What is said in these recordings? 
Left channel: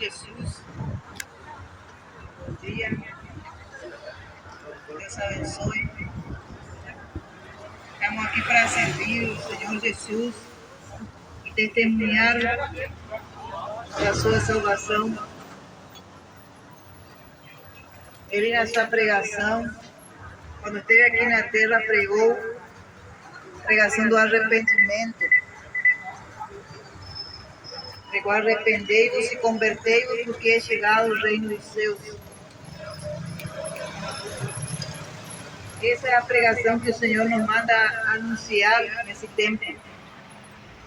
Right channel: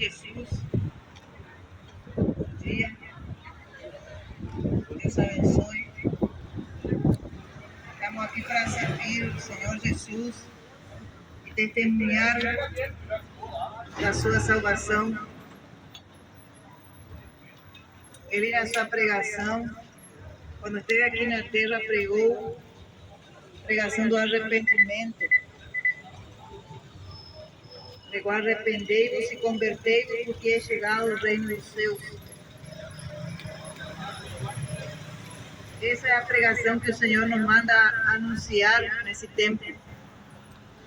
Jesus. Bom dia. Deus abençoe. Estamos aqui para servir o Senhor Jesus e testemunhar da sua salvação. Ele, na sua pregação, quando esteve aqui na terra, pregou a pregação do arrependimento. Pregou: arrependei-vos e convertei-vos, porque é chegado o reino dos céus. Essa é a pregação que o Senhor nos manda anunciar nesse tempo.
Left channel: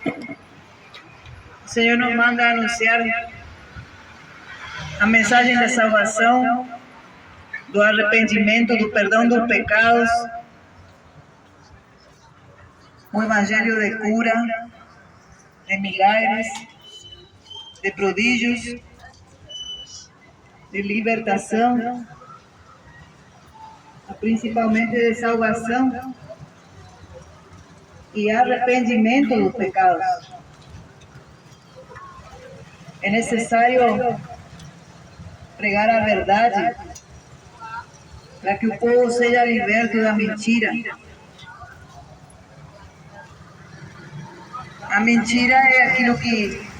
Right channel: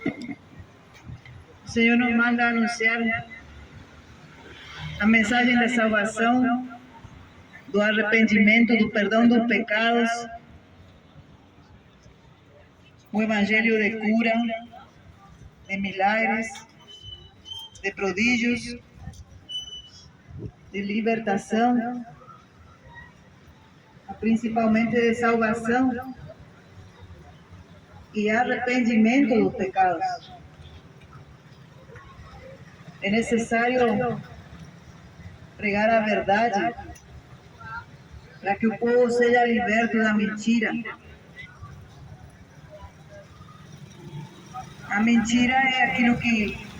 O Senhor nos manda anunciar a mensagem da salvação, do arrependimento, do perdão dos pecados, o evangelho de cura, de milagres, de prodígios, de libertação, principalmente de salvação e arrependimento dos pecados. É necessário pregar a verdade para que o povo seja liberto da mentira. A mentira é aquilo que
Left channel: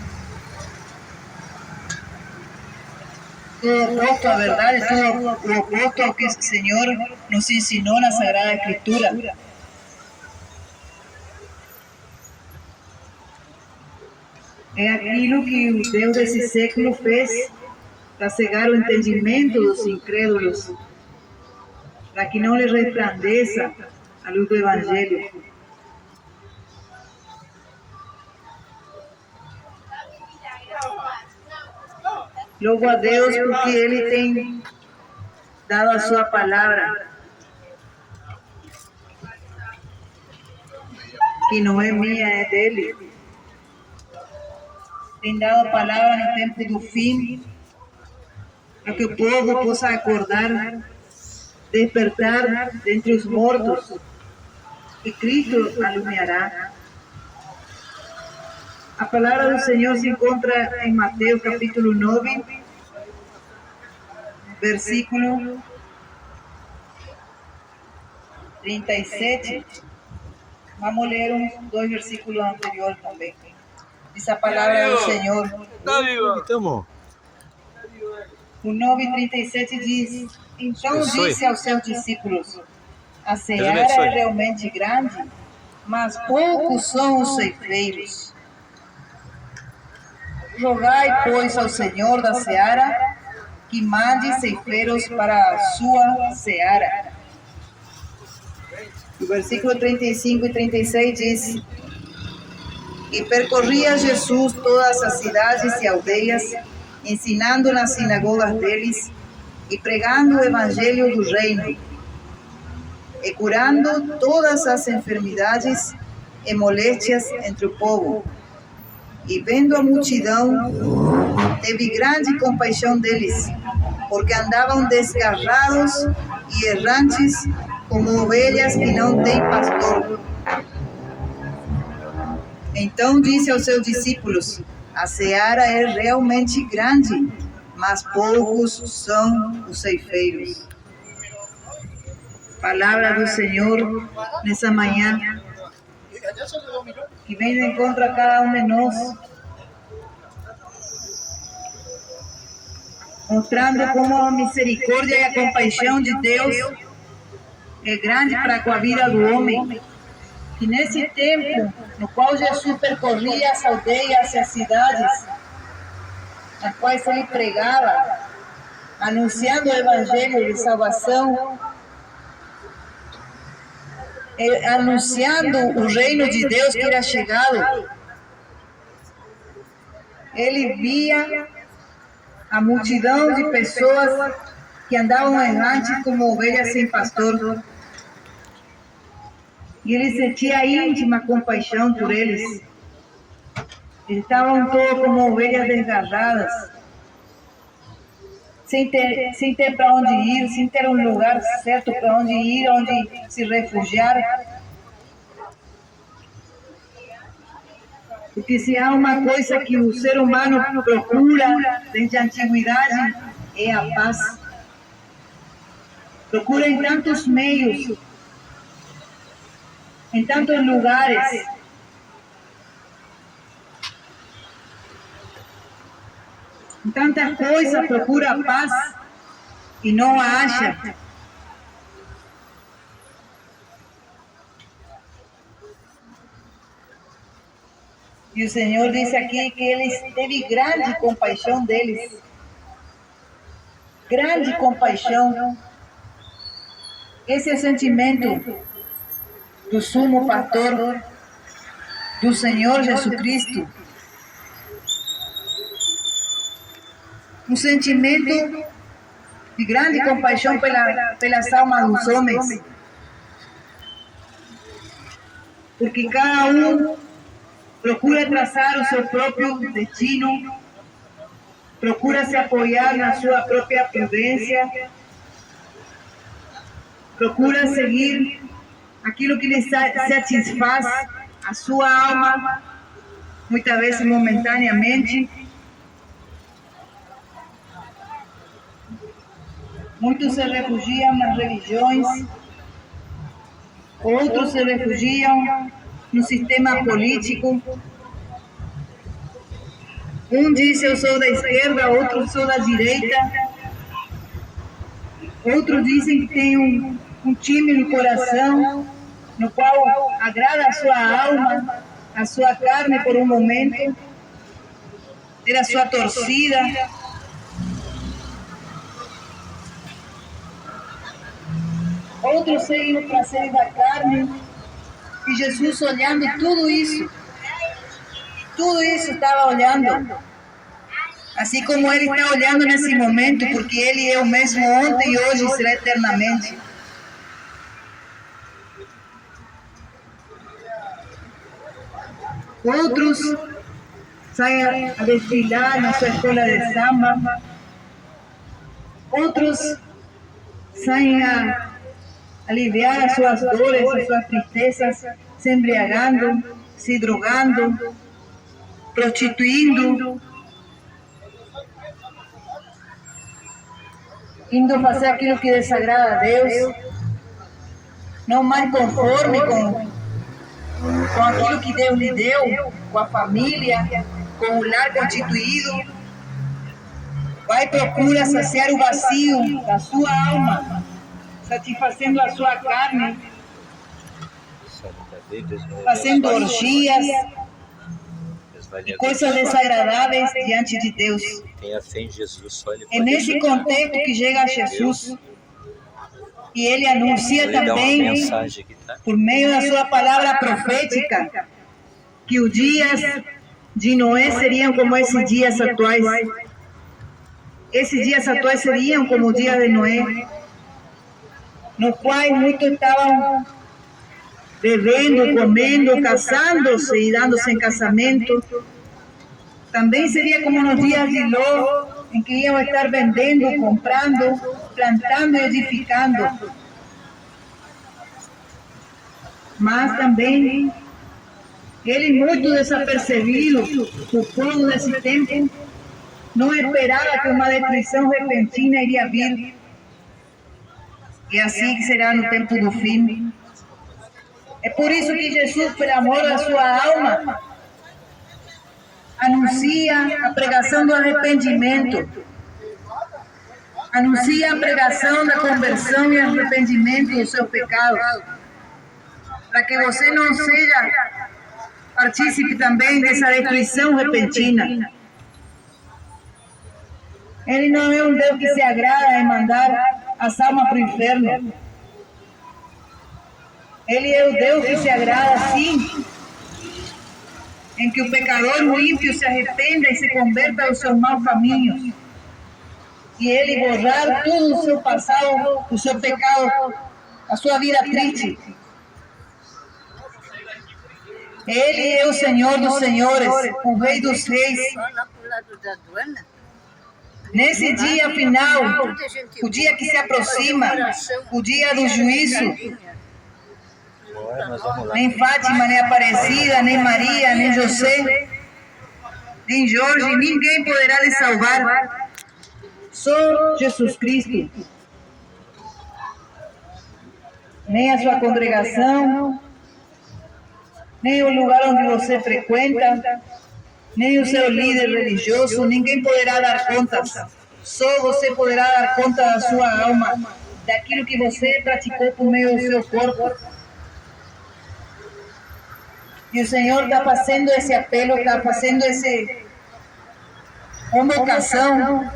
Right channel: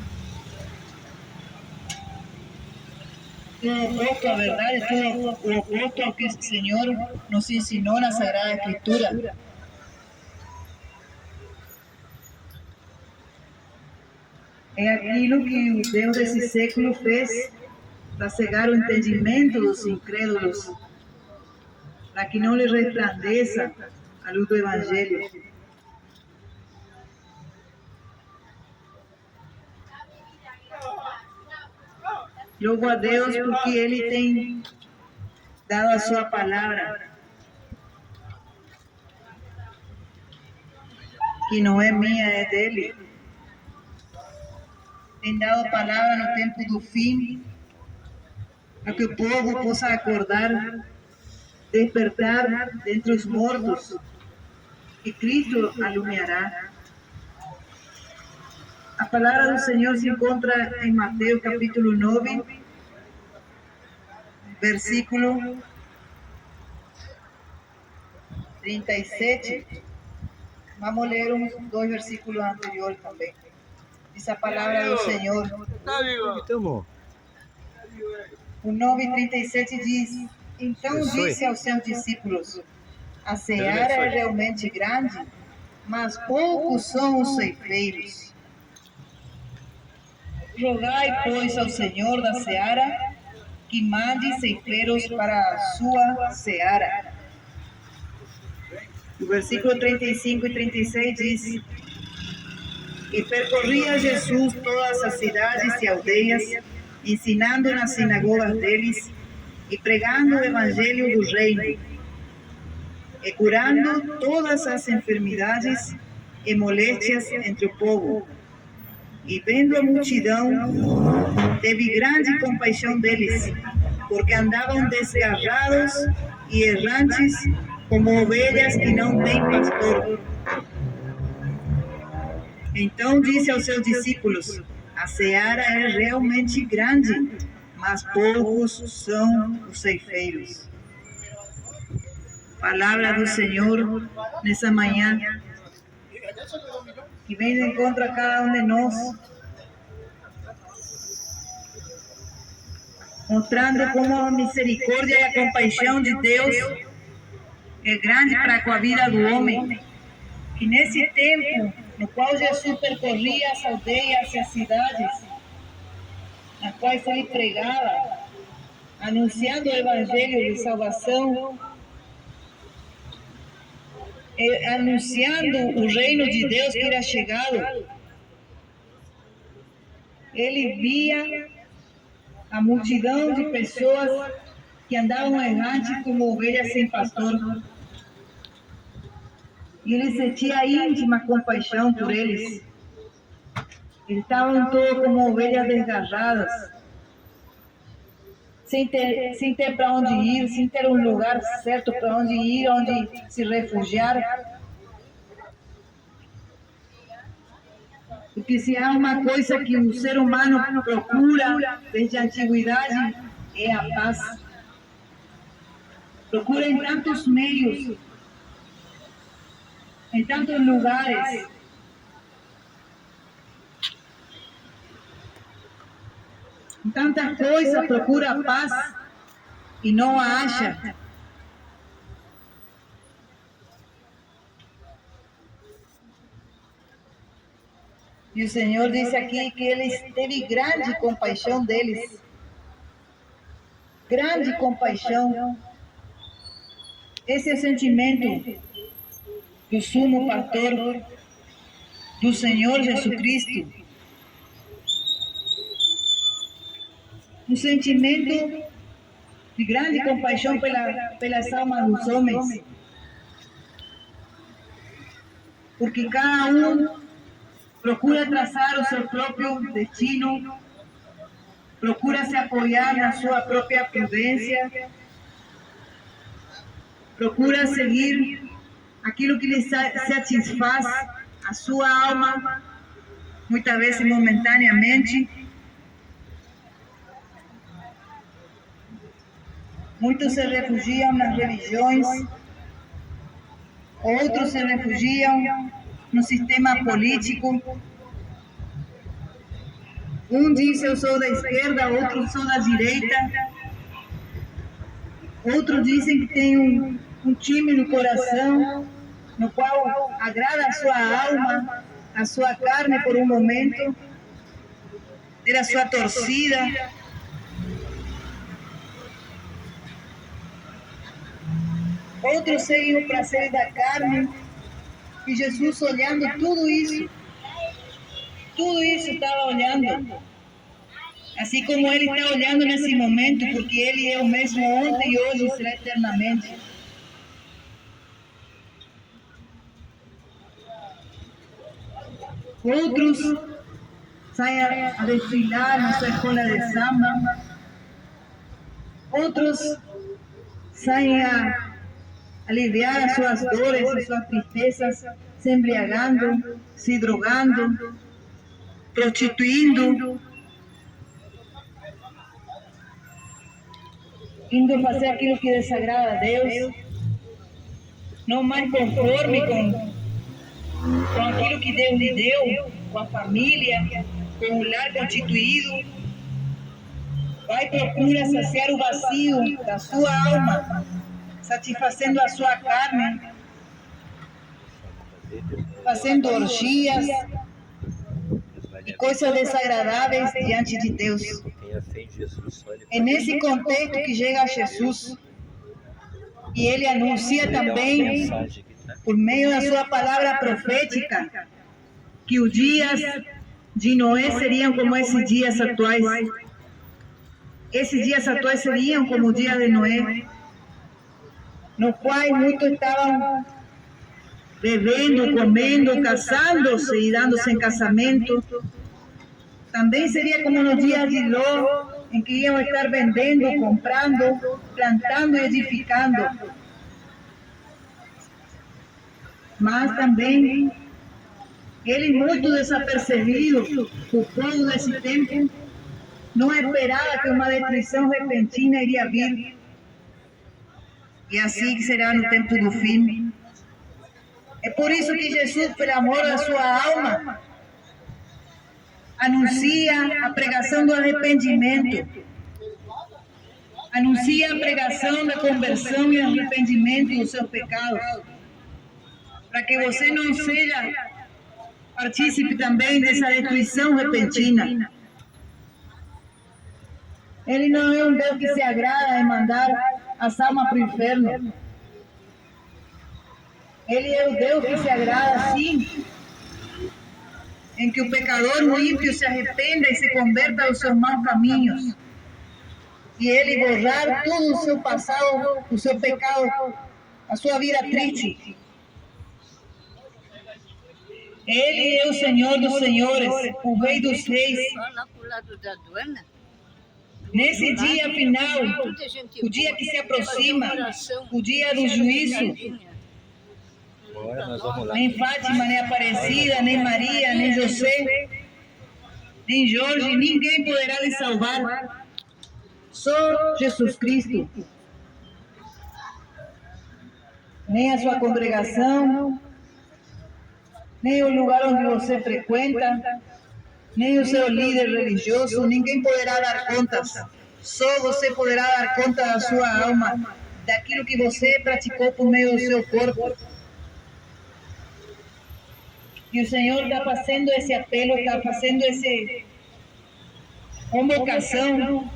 todo oposto à verdade, todo oposto ao que o Senhor nos ensinou na Sagrada Escritura. É aquilo que o Deus desse século fez para cegar o entendimento dos incrédulos, para que não lhes resplandeça a luz do Evangelho. Louvo a Deus porque Ele tem dado a sua palavra, que não é minha, é dele. Tem dado a palavra no tempo do fim, para que o povo possa acordar, despertar dentre os mortos, e Cristo alumiará. A palavra do Senhor se encontra em Mateus capítulo 9, versículo 37. Vamos ler uns 2 versículos anteriores também. Diz a palavra do Senhor. O 9:37 diz: então disse aos seus discípulos: a seara é realmente grande, mas poucos são os ceifeiros. Rogai, pois, ao Senhor da seara que mande ceifeiros para a sua seara. O versículo 35 e 36 diz: e percorria Jesus todas as cidades e aldeias, ensinando nas sinagogas deles e pregando o evangelho do reino, e curando todas as enfermidades e moléstias entre o povo. E vendo a multidão, teve grande compaixão deles, porque andavam desgarrados e errantes, como ovelhas que não têm pastor. Então disse aos seus discípulos: a seara é realmente grande, mas poucos são os ceifeiros. Palavra do Senhor nessa manhã, que vem de encontro a cada um de nós, mostrando como a misericórdia e a compaixão de Deus é grande para com a vida do homem, que nesse tempo no qual Jesus percorria as aldeias e as cidades, nas quais ele pregava, anunciando o evangelho de salvação, anunciando o reino de Deus que era chegado, ele via a multidão de pessoas que andavam errantes como ovelhas sem pastor. E ele sentia íntima compaixão por eles. Estavam todos como ovelhas desgarradas, sem ter para onde ir, sem ter um lugar certo para onde ir, onde se refugiar. Porque se há uma coisa que o ser humano procura desde a antiguidade, é a paz. Procura em tantos meios, em tantos lugares. Em tantas coisas procura a paz e não a acha. E o Senhor disse aqui que Ele teve grande compaixão deles. Grande compaixão. Esse é o sentimento do sumo pastor, do Senhor Jesus Cristo. Um sentimento de grande compaixão pelas almas dos homens. Porque cada um procura traçar o seu próprio destino, procura se apoiar na sua própria prudência, procura seguir aquilo que lhe satisfaz a sua alma, muitas vezes momentaneamente. Muitos se refugiam nas religiões, outros se refugiam no sistema político. Um diz eu sou da esquerda, outro sou da direita. Outros dizem que tem um time no coração, no qual agrada a sua alma, a sua carne por um momento, ter a sua torcida. Outros seguem o prazer da carne. E Jesus, olhando tudo isso estava olhando. Assim como Ele está olhando nesse momento, porque Ele é o mesmo ontem, hoje e será eternamente. Outros saem a desfilar na sua escola de samba. Outros saem a aliviar as suas dores, as suas tristezas, se embriagando, se drogando, prostituindo, indo fazer aquilo que desagrada a Deus, não mais conforme com aquilo que Deus lhe deu, com a família, com o lar constituído. Vai procura saciar o vazio da sua alma, satisfazendo a sua carne, fazendo orgias e coisas desagradáveis diante de Deus. É nesse contexto que chega Jesus e Ele anuncia também, por meio da sua palavra profética, que os dias de Noé seriam como esses dias atuais. Esses dias atuais seriam como o dia de Noé, no qual muitos estavam bebendo, comendo, casando-se e dando-se em casamento. Também seria como nos dias de Ló, em que iam estar vendendo, comprando, plantando e edificando. Mas também, ele muito desapercebido, o povo desse tempo, não esperava que uma destruição repentina iria vir. E assim que será no tempo do fim. É por isso que Jesus, por amor da sua alma, anuncia a pregação do arrependimento. Anuncia a pregação da conversão e arrependimento dos seus pecados. Para que você não seja partícipe também dessa destruição repentina. Ele não é um Deus que se agrada em mandar as almas para o inferno. Ele é o Deus que se agrada, sim, em que o pecador, o ímpio, se arrependa e se converta aos seus maus caminhos. E Ele borrar todo o seu passado, o seu pecado, a sua vida triste. Ele é o Senhor dos senhores, o Rei dos reis. Nesse dia final, o dia que se aproxima, o dia do juízo, nem Fátima, nem Aparecida, nem Maria, nem José nem Jorge, ninguém poderá lhe salvar. Só Jesus Cristo. Nem a sua congregação, nem o lugar onde você frequenta, nem o seu líder religioso, ninguém poderá dar contas. Só você poderá dar conta da sua alma, daquilo que você praticou por meio do seu corpo. E o Senhor está fazendo esse apelo, está fazendo essa convocação,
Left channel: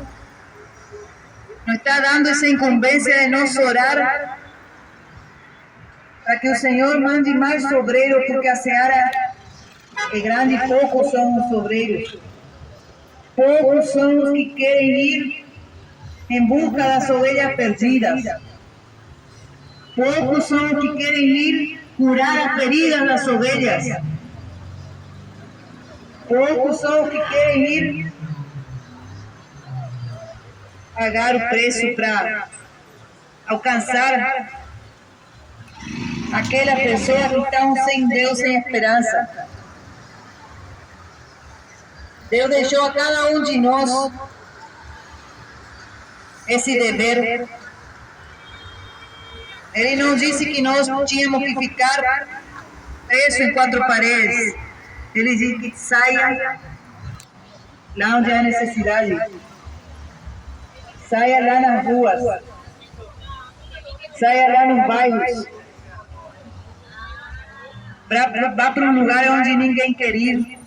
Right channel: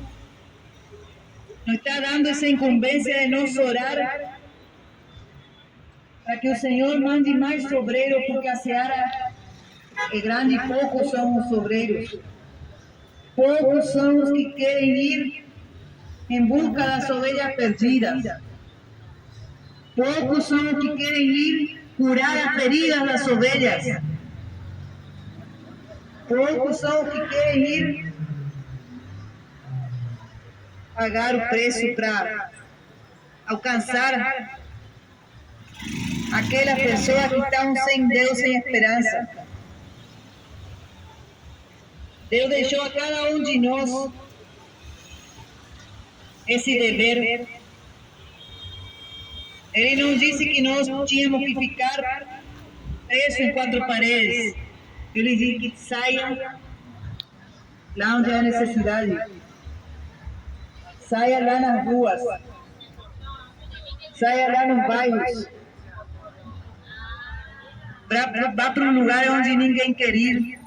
nos está dando essa incumbência de nós orar para que o Senhor mande mais obreiros, porque a seara é grande e poucos são os obreiros. Poucos são os que querem ir em busca das ovelhas perdidas. Poucos são os que querem ir curar as feridas das ovelhas. Poucos são os que querem ir pagar o preço para alcançar aquelas pessoas que estão sem Deus, sem esperança. Deus deixou a cada um de nós esse dever. Ele não disse que nós tínhamos que ficar presos em quatro paredes. Ele disse que saia lá onde há necessidade. Saia lá nas ruas. Saia lá nos bairros. Vá para um lugar onde ninguém quer ir.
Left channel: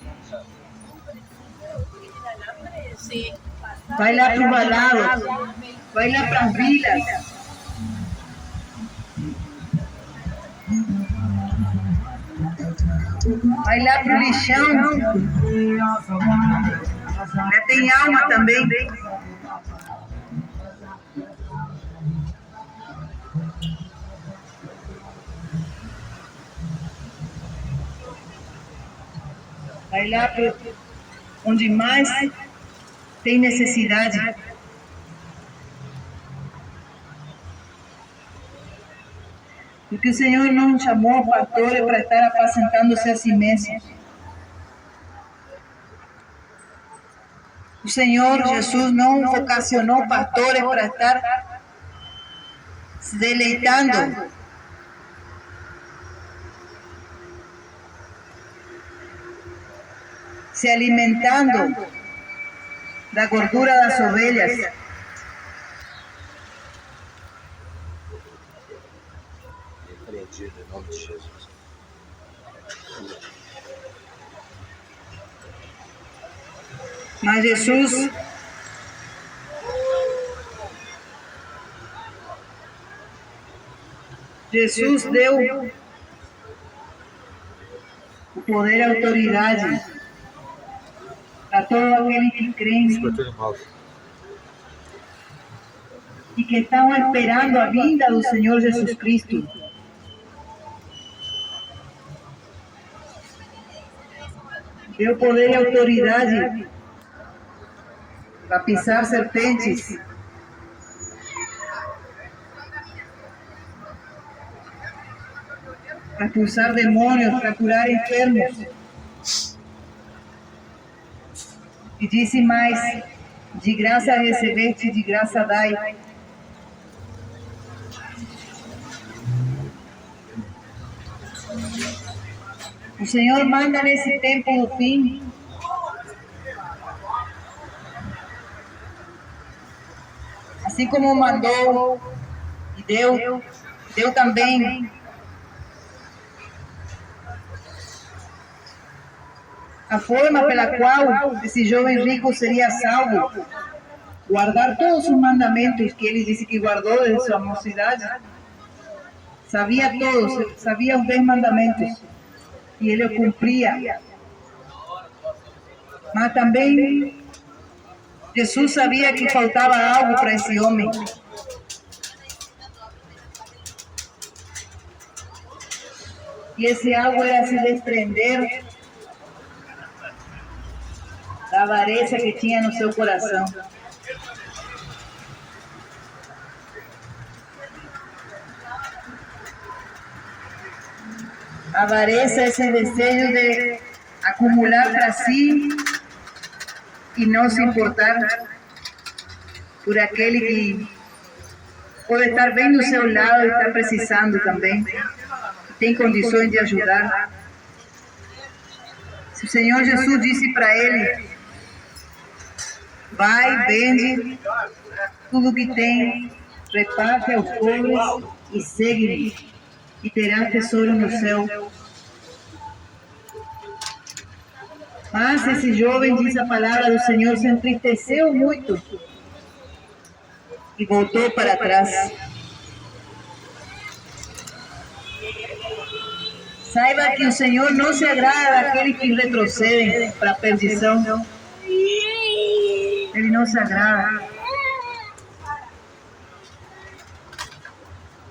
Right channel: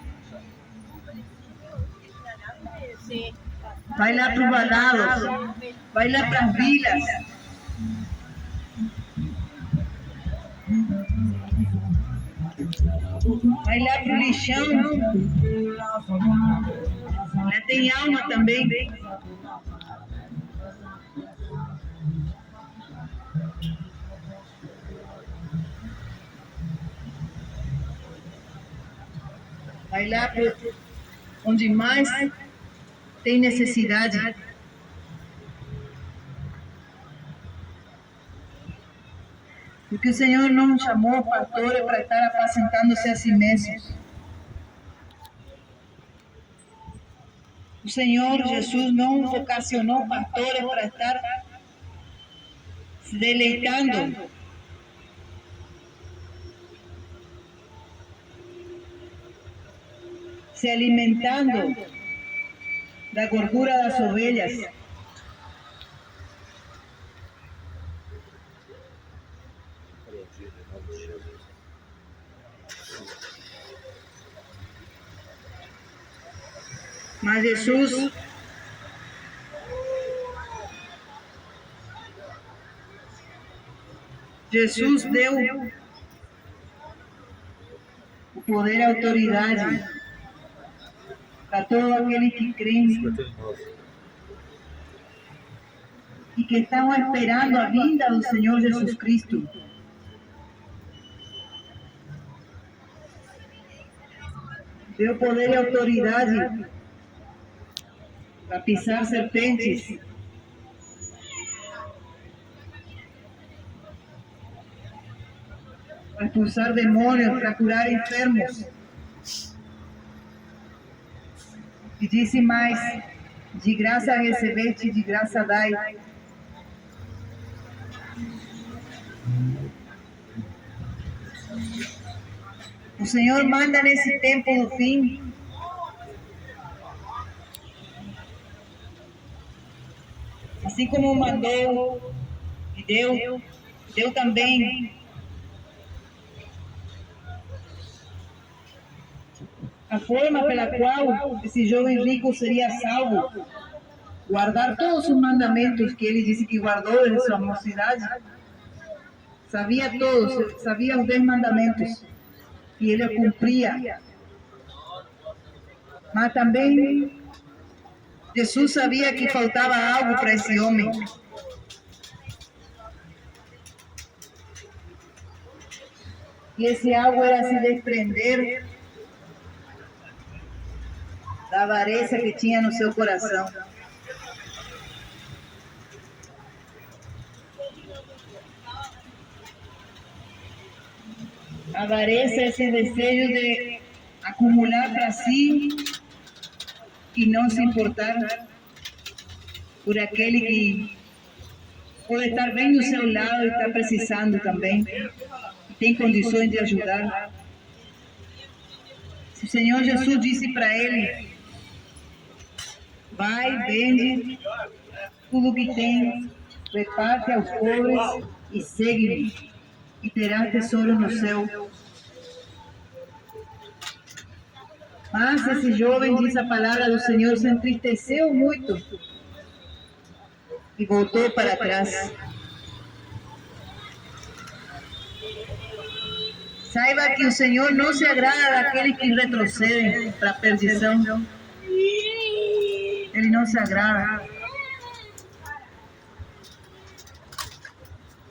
Vai lá para os balados. Vai lá para as vilas. Vai lá para o lixão. Lá tem alma também. Vai lá para onde mais tem necessidade. Porque o Senhor não chamou pastores para estar apacentando-se a si mesmos. O Senhor Jesus não vocacionou pastores para estar se deleitando, se alimentando da gordura das ovelhas. Mas Jesus deu o poder e a autoridade para todo aquele que crê e que estão esperando a vinda do Senhor Jesus Cristo. Deu poder e autoridade para pisar serpentes, para expulsar demônios, para curar enfermos. E disse mais: de graça recebeste, de graça dai. O Senhor manda nesse tempo do fim assim como mandou e deu também a forma pela qual esse jovem rico seria salvo. Guardar todos os mandamentos que ele disse que guardou desde sua mocidade. Sabia todos, sabia os 10 mandamentos e ele os cumpria. Mas também Jesus sabia que faltava algo para esse homem. E esse algo era se desprender da avareza que tinha no seu coração. A avareza é esse desejo de acumular para si e não se importar por aquele que pode estar bem do seu lado e está precisando também, tem condições de ajudar. Se o Senhor Jesus disse para ele: vai, vende tudo que tem, reparte aos pobres e segue-me, e terás tesouro no céu. Mas esse jovem, diz a palavra do Senhor, se entristeceu muito e voltou para trás. Saiba que o Senhor não se agrada daqueles que retrocedem para a perdição. Ele não se agrada.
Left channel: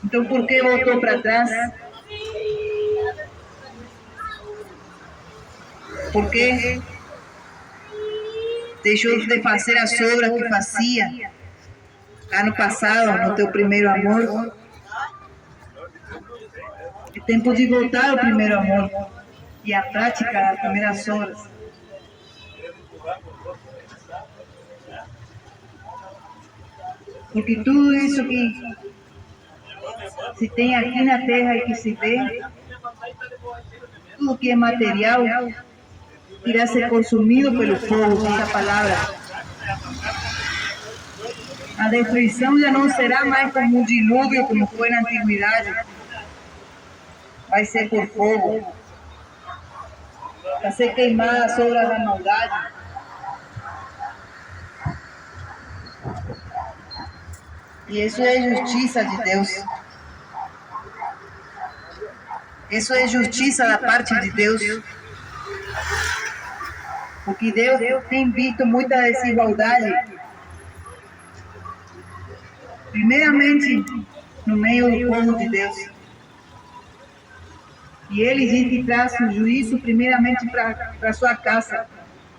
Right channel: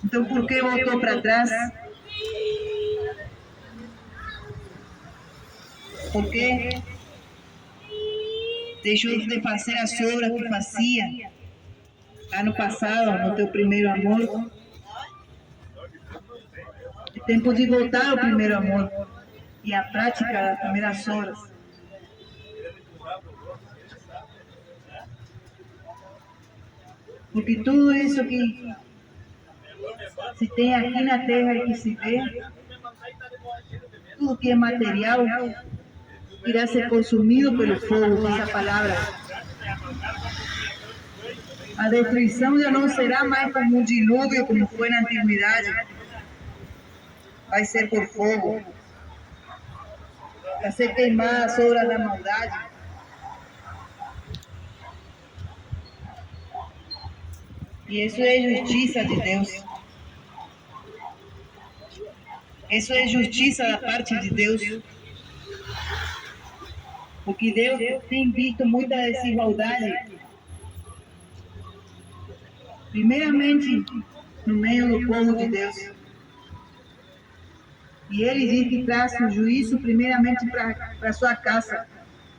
Então, por que voltou para trás? Porque deixou de fazer as obras que fazia ano passado, no teu primeiro amor. É tempo de voltar ao primeiro amor e à prática das primeiras obras. Porque tudo isso que se tem aqui na terra e que se vê, tudo que é material, irá ser consumido pelo fogo, diz a palavra. A destruição já não será mais como um dilúvio, como foi na antiguidade. Vai ser por fogo. Vai ser queimar as obras da maldade. E isso é justiça de Deus. Isso é justiça da parte de Deus. Porque Deus tem visto muita desigualdade. Primeiramente, no meio do povo de Deus. E ele diz que traz o juízo primeiramente para a sua casa.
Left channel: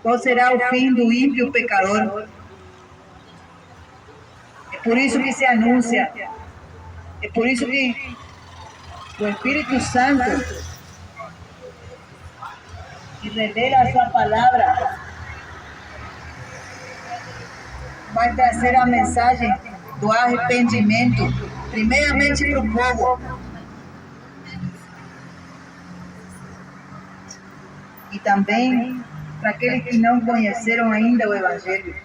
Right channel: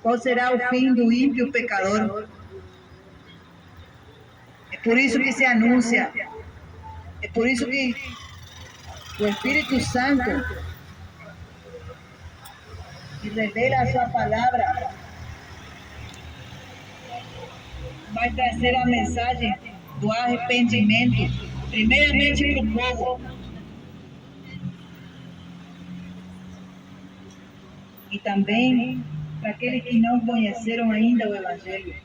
Qual será o fim do ímpio pecador? É por isso que se anuncia. É por isso que o Espírito Santo, que revela a sua palavra, vai trazer a mensagem do arrependimento, primeiramente para o povo. E também para aqueles que não conheceram ainda o Evangelho.